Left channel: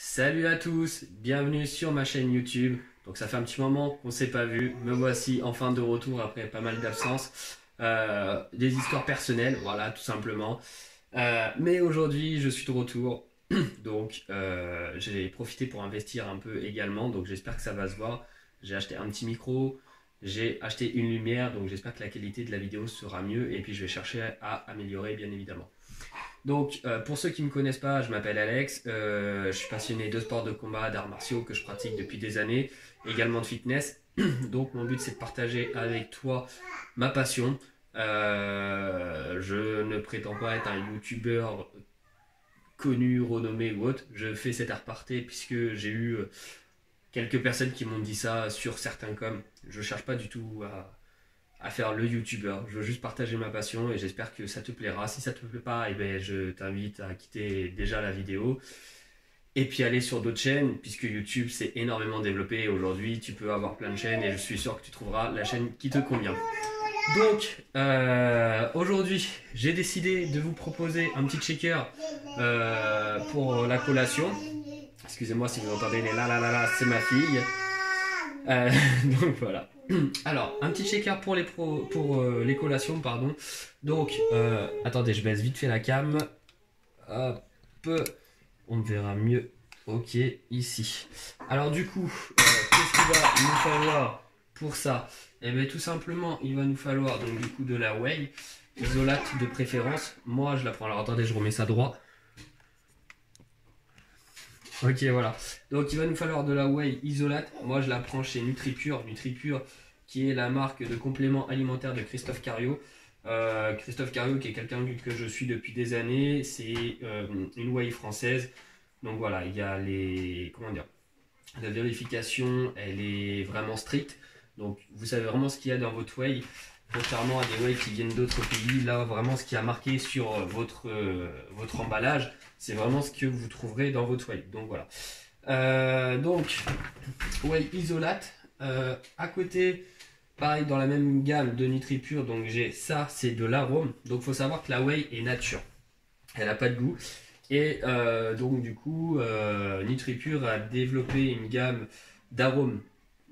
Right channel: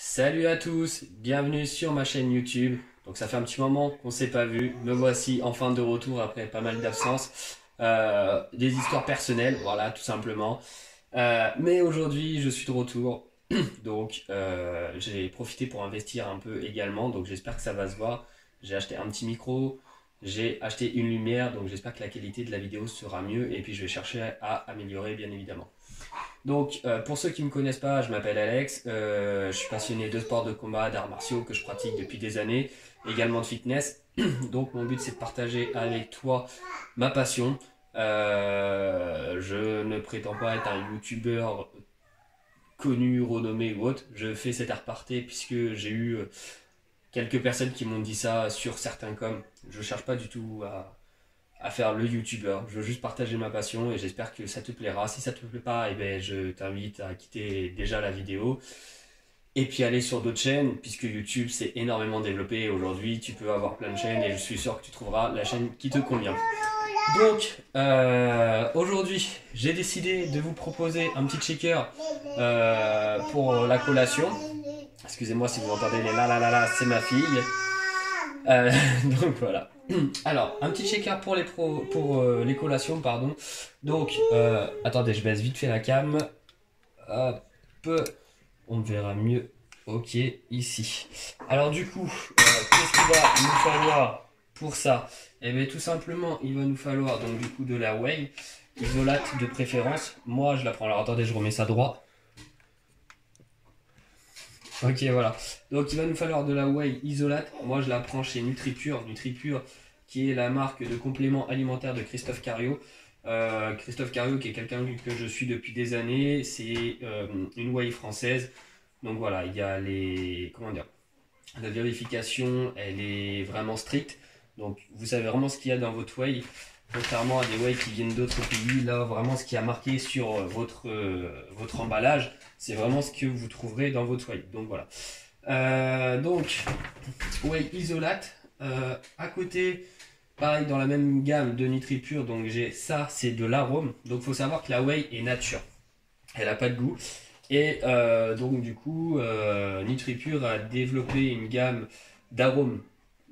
Salut à tous, bienvenue sur ma chaîne YouTube. Donc ça fait un petit moment qu'on ne s'est pas vu, me voici enfin de retour après pas mal d'absences. Des histoires personnelles, voilà tout simplement. Mais aujourd'hui je suis de retour, donc j'ai profité pour investir un peu également, donc j'espère que ça va se voir. J'ai acheté un petit micro, j'ai acheté une lumière, donc j'espère que la qualité de la vidéo sera mieux et puis je vais chercher à améliorer bien évidemment. Donc, pour ceux qui ne me connaissent pas, je m'appelle Alex, je suis passionné de sport de combat, d'arts martiaux que je pratique depuis des années, également de fitness. Donc, mon but c'est de partager avec toi ma passion. Je ne prétends pas être un youtubeur connu, renommé ou autre. Je fais cet art parté puisque j'ai eu quelques personnes qui m'ont dit ça sur certains coms. Je ne cherche pas du tout à faire le youtubeur. Je veux juste partager ma passion et j'espère que ça te plaira. Si ça te plaît pas, eh ben, je t'invite à quitter déjà la vidéo et puis aller sur d'autres chaînes puisque YouTube s'est énormément développé. Aujourd'hui, tu peux avoir plein de chaînes et je suis sûr que tu trouveras la chaîne qui te convient. Donc, aujourd'hui, j'ai décidé de vous proposer un petit checker pour la collation. Excusez-moi si vous entendez les la la la la, c'est ma fille. Donc voilà. Alors, un petit checker pour les collations, pardon. Donc, attendez, je baisse vite fait la cam. Hop, on verra mieux. Ok, ici. Alors du coup, qu'est-ce qu'il va nous falloir pour ça? Eh bien, tout simplement, il va nous falloir donc du coup de la whey isolate de préférence. Moi, je la prends. Alors attendez, je remets ça droit. Ok, voilà. Donc, il va nous falloir de la whey isolate. Moi, je la prends chez NutriPure. NutriPure, qui est la marque de compléments alimentaires de Christophe Cario. Christophe Cario, qui est quelqu'un que je suis depuis des années. C'est une whey française. Donc voilà, il y a la vérification, elle est vraiment stricte. Donc, vous savez vraiment ce qu'il y a dans votre whey. Contrairement à des whey qui viennent d'autres pays, là, vraiment, ce qui a marqué sur votre emballage, c'est vraiment ce que vous trouverez dans votre whey. Donc voilà. Donc, whey isolate. À côté, pareil, dans la même gamme de NutriPure, donc j'ai ça, c'est de l'arôme. Donc, il faut savoir que la whey est nature. Elle n'a pas de goût. Et donc, du coup, NutriPure a développé une gamme d'arômes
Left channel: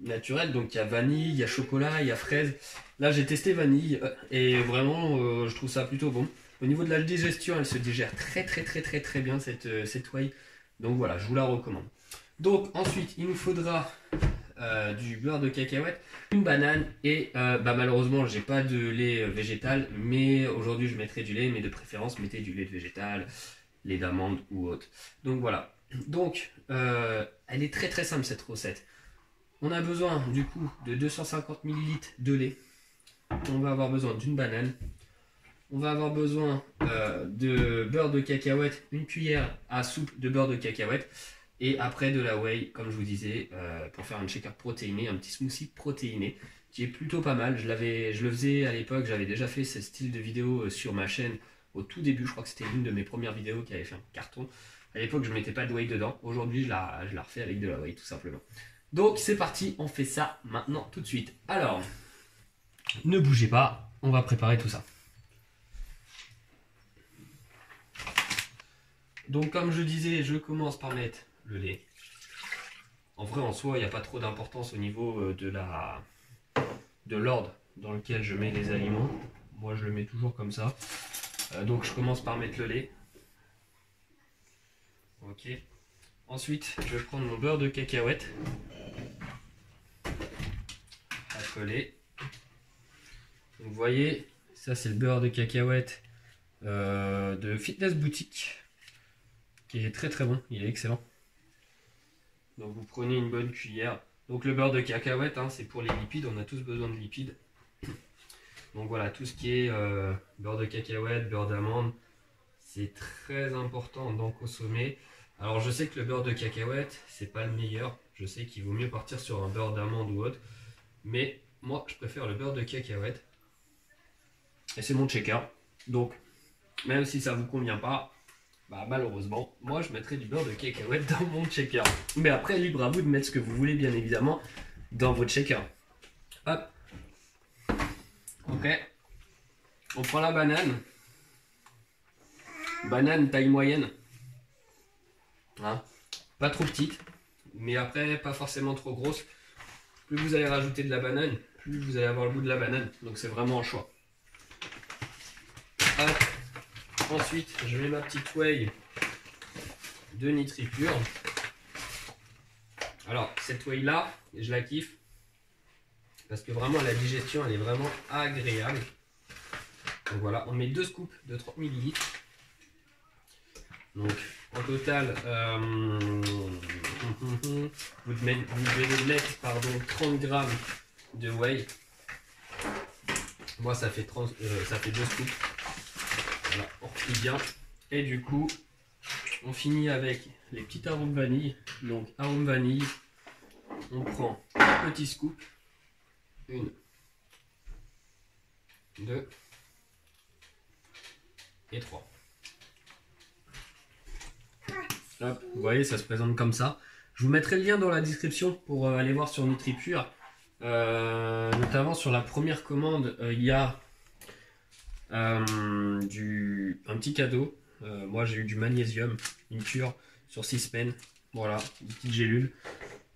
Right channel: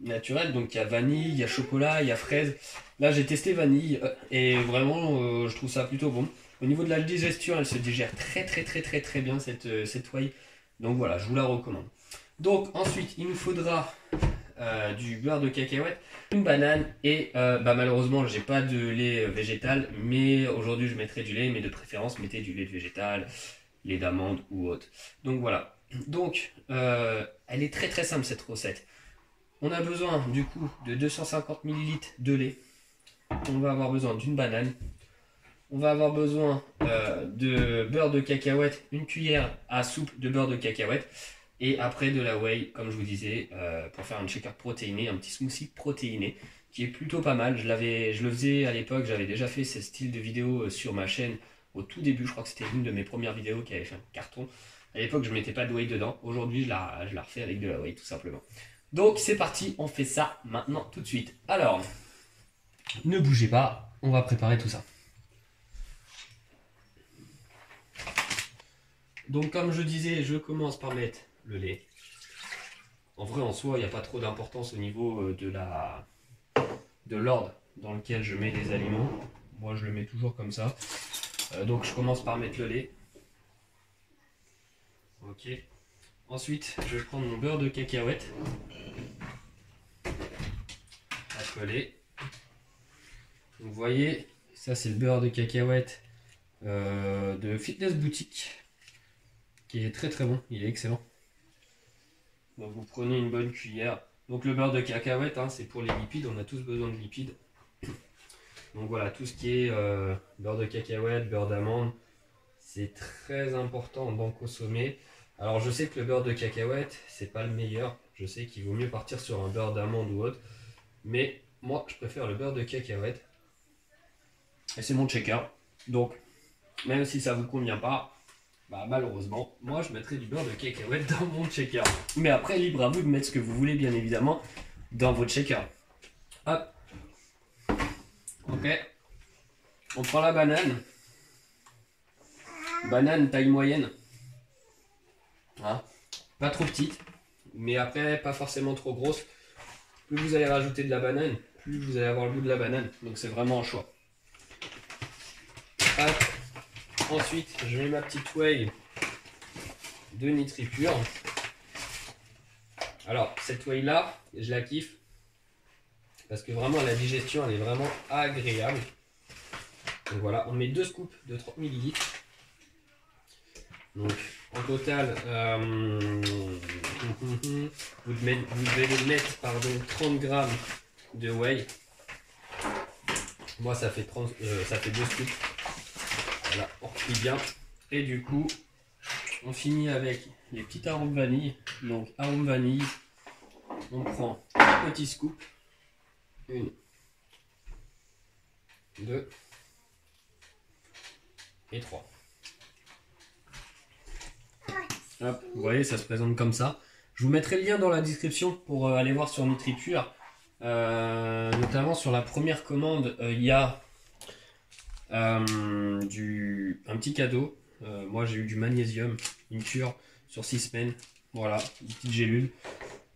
naturels. Donc, il y a vanille, il y a chocolat, il y a fraise. Là, j'ai testé vanille et vraiment, je trouve ça plutôt bon. Au niveau de la digestion, elle se digère très bien cette whey. Donc voilà, je vous la recommande. Donc ensuite, il nous faudra du beurre de cacahuète, une banane et malheureusement, j'ai pas de lait végétal, mais aujourd'hui, je mettrai du lait, mais de préférence, mettez du lait végétal, lait d'amande ou autre. Donc voilà. Donc, elle est très simple cette recette. On a besoin du coup de 250 ml de lait. On va avoir besoin d'une banane. On va avoir besoin de beurre de cacahuète, une cuillère à soupe de beurre de cacahuète. Et après de la whey, comme je vous disais, pour faire un shaker protéiné, un petit smoothie protéiné, qui est plutôt pas mal. Je le faisais à l'époque, j'avais déjà fait ce style de vidéo sur ma chaîne au tout début. Je crois que c'était l'une de mes premières vidéos qui avait fait un carton. À l'époque, je ne mettais pas de whey dedans. Aujourd'hui, je la refais avec de la whey, tout simplement. Donc, c'est parti, on fait ça maintenant, tout de suite. Alors, ne bougez pas, on va préparer tout ça. Donc, comme je disais, je commence par mettre le lait. En vrai, en soi, il n'y a pas trop d'importance au niveau de l'ordre dans lequel je mets les aliments. Moi, je le mets toujours comme ça. Donc, je commence par mettre le lait. Ok. Ensuite, je vais prendre mon beurre de cacahuète. Accolé. Donc, vous voyez, ça c'est le beurre de cacahuète de Fitness Boutique, qui est très bon, il est excellent. Donc vous prenez une bonne cuillère. Donc le beurre de cacahuète, hein, c'est pour les lipides, on a tous besoin de lipides. Donc voilà, tout ce qui est beurre de cacahuète, beurre d'amande, c'est très important d'en consommer. Alors je sais que le beurre de cacahuète, c'est pas le meilleur. Je sais qu'il vaut mieux partir sur un beurre d'amande ou autre. Mais moi, je préfère le beurre de cacahuète. Et c'est mon checker. Donc, même si ça ne vous convient pas, malheureusement, moi je mettrai du beurre de cacahuète dans mon shaker. Mais après, libre à vous de mettre ce que vous voulez, bien évidemment, dans votre shaker. Hop. Ok. On prend la banane. Banane taille moyenne. Hein. pas trop petite, mais après pas forcément trop grosse. Plus vous allez rajouter de la banane, plus vous allez avoir le goût de la banane. Donc c'est vraiment un choix. Hop. Ensuite, je mets ma petite whey de NitriPure. Alors cette whey là, je la kiffe parce que vraiment la digestion elle est vraiment agréable. Donc voilà, on met 2 scoops de 30 ml. Donc en total, vous devez mettre 30 grammes de whey. Moi ça fait 2 scoops. Voilà, on replie bien. Et du coup, on finit avec les petits arômes vanille. Donc arôme vanille, on prend un petit scoop. 1, 2 et 3. Hop, vous voyez, ça se présente comme ça. Je vous mettrai le lien dans la description pour aller voir sur NitriPure. Notamment sur la première commande, il y a un petit cadeau. Moi j'ai eu du magnésium, une cure sur 6 semaines. Voilà, une petite gélule.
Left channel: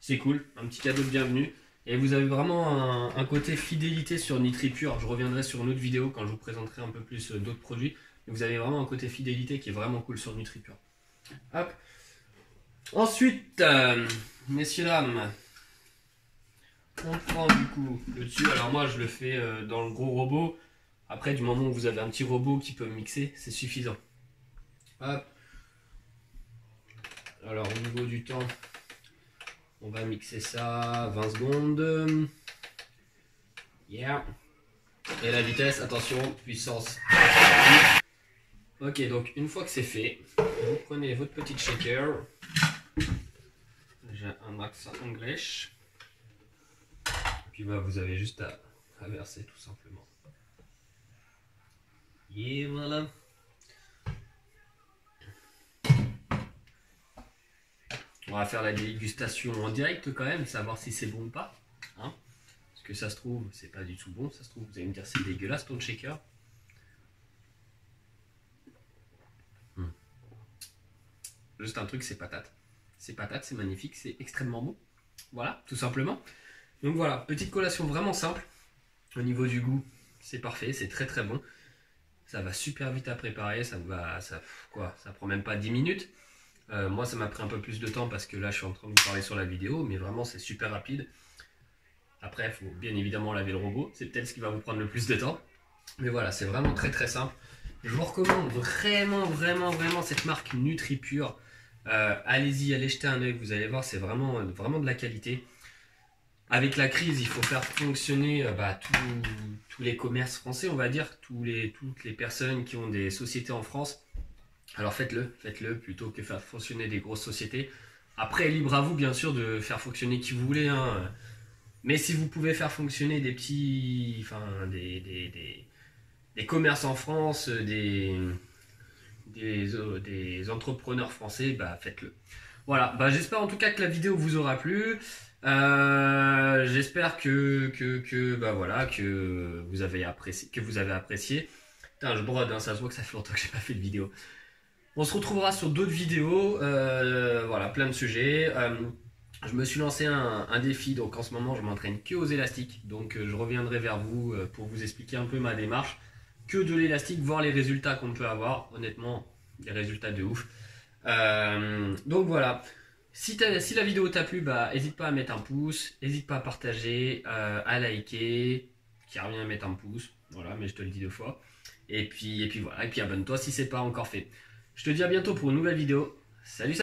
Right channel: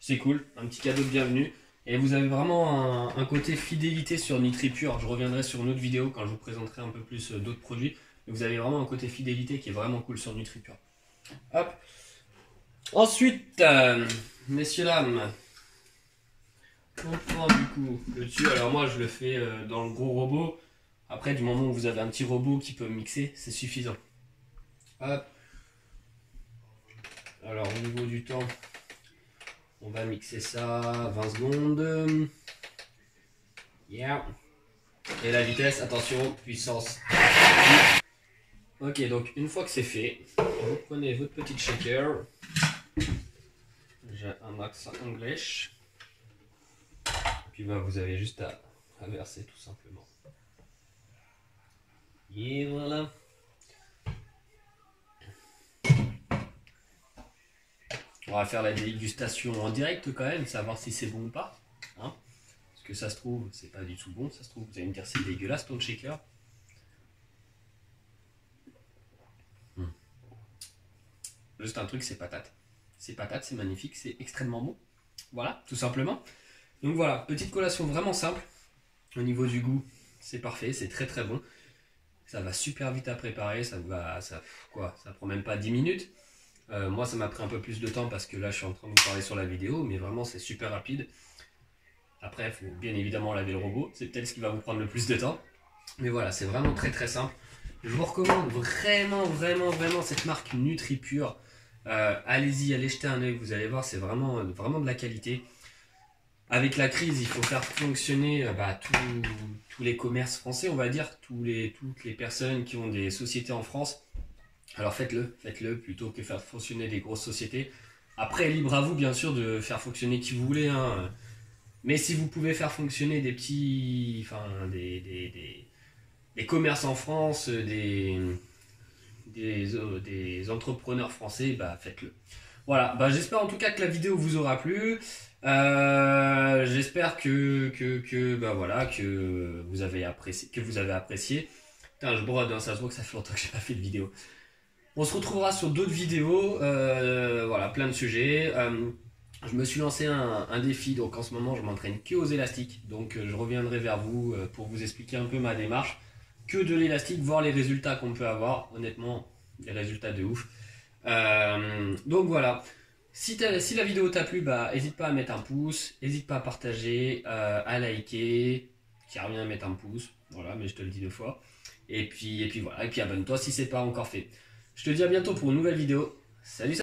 C'est cool, un petit cadeau de bienvenue. Et vous avez vraiment un côté fidélité sur NitriPure. Je reviendrai sur une autre vidéo quand je vous présenterai un peu plus d'autres produits. Mais vous avez vraiment un côté fidélité qui est vraiment cool sur NitriPure. Hop. Ensuite, messieurs, dames, on prend du coup le dessus. Alors moi je le fais dans le gros robot. Après, du moment où vous avez un petit robot qui peut mixer, c'est suffisant. Hop. Alors au niveau du temps, on va mixer ça 20 secondes. Yeah. Et la vitesse, attention, puissance. Ok, donc une fois que c'est fait, vous prenez votre petite shaker. J'ai un max English. Puis bah, vous avez juste à verser tout simplement. Et voilà. On va faire la dégustation en direct quand même, savoir si c'est bon ou pas. Hein, parce que ça se trouve, c'est pas du tout bon. Ça se trouve, vous allez me dire c'est dégueulasse ton shaker. Juste un truc, c'est patate. C'est patate, c'est magnifique, c'est extrêmement bon. Voilà, tout simplement. Donc voilà, petite collation vraiment simple. Au niveau du goût, c'est parfait, c'est très très bon. Ça va super vite à préparer, ça prend même pas 10 minutes. Moi ça m'a pris un peu plus de temps parce que là je suis en train de vous parler sur la vidéo, mais vraiment c'est super rapide. Après il faut bien évidemment laver le robot, c'est peut-être ce qui va vous prendre le plus de temps. Mais voilà, c'est vraiment très très simple. Je vous recommande vraiment cette marque NitriPure. Allez-y, allez jeter un œil, vous allez voir, c'est vraiment de la qualité. Avec la crise, il faut faire fonctionner tous les commerces français, on va dire, toutes les personnes qui ont des sociétés en France. Alors faites-le plutôt que faire fonctionner des grosses sociétés. Après, libre à vous bien sûr de faire fonctionner qui vous voulez, hein. Mais si vous pouvez faire fonctionner des petits, des commerces en France, des entrepreneurs français, bah faites-le. Voilà, bah, j'espère en tout cas que la vidéo vous aura plu. J'espère que vous avez apprécié. Putain, je brode, hein, ça se voit que ça fait longtemps que j'ai pas fait de vidéo. On se retrouvera sur d'autres vidéos, voilà, plein de sujets. Je me suis lancé un défi, donc en ce moment je m'entraîne que aux élastiques. Donc je reviendrai vers vous pour vous expliquer un peu ma démarche. Que de l'élastique, voir les résultats qu'on peut avoir. Honnêtement, des résultats de ouf. Donc voilà. Si la vidéo t'a plu, bah n'hésite pas à mettre un pouce, n'hésite pas à partager, à liker, qui revient à mettre un pouce, voilà, mais je te le dis 2 fois. Et puis voilà, et puis abonne-toi si c'est pas encore fait. Je te dis à bientôt pour une nouvelle vidéo. Salut.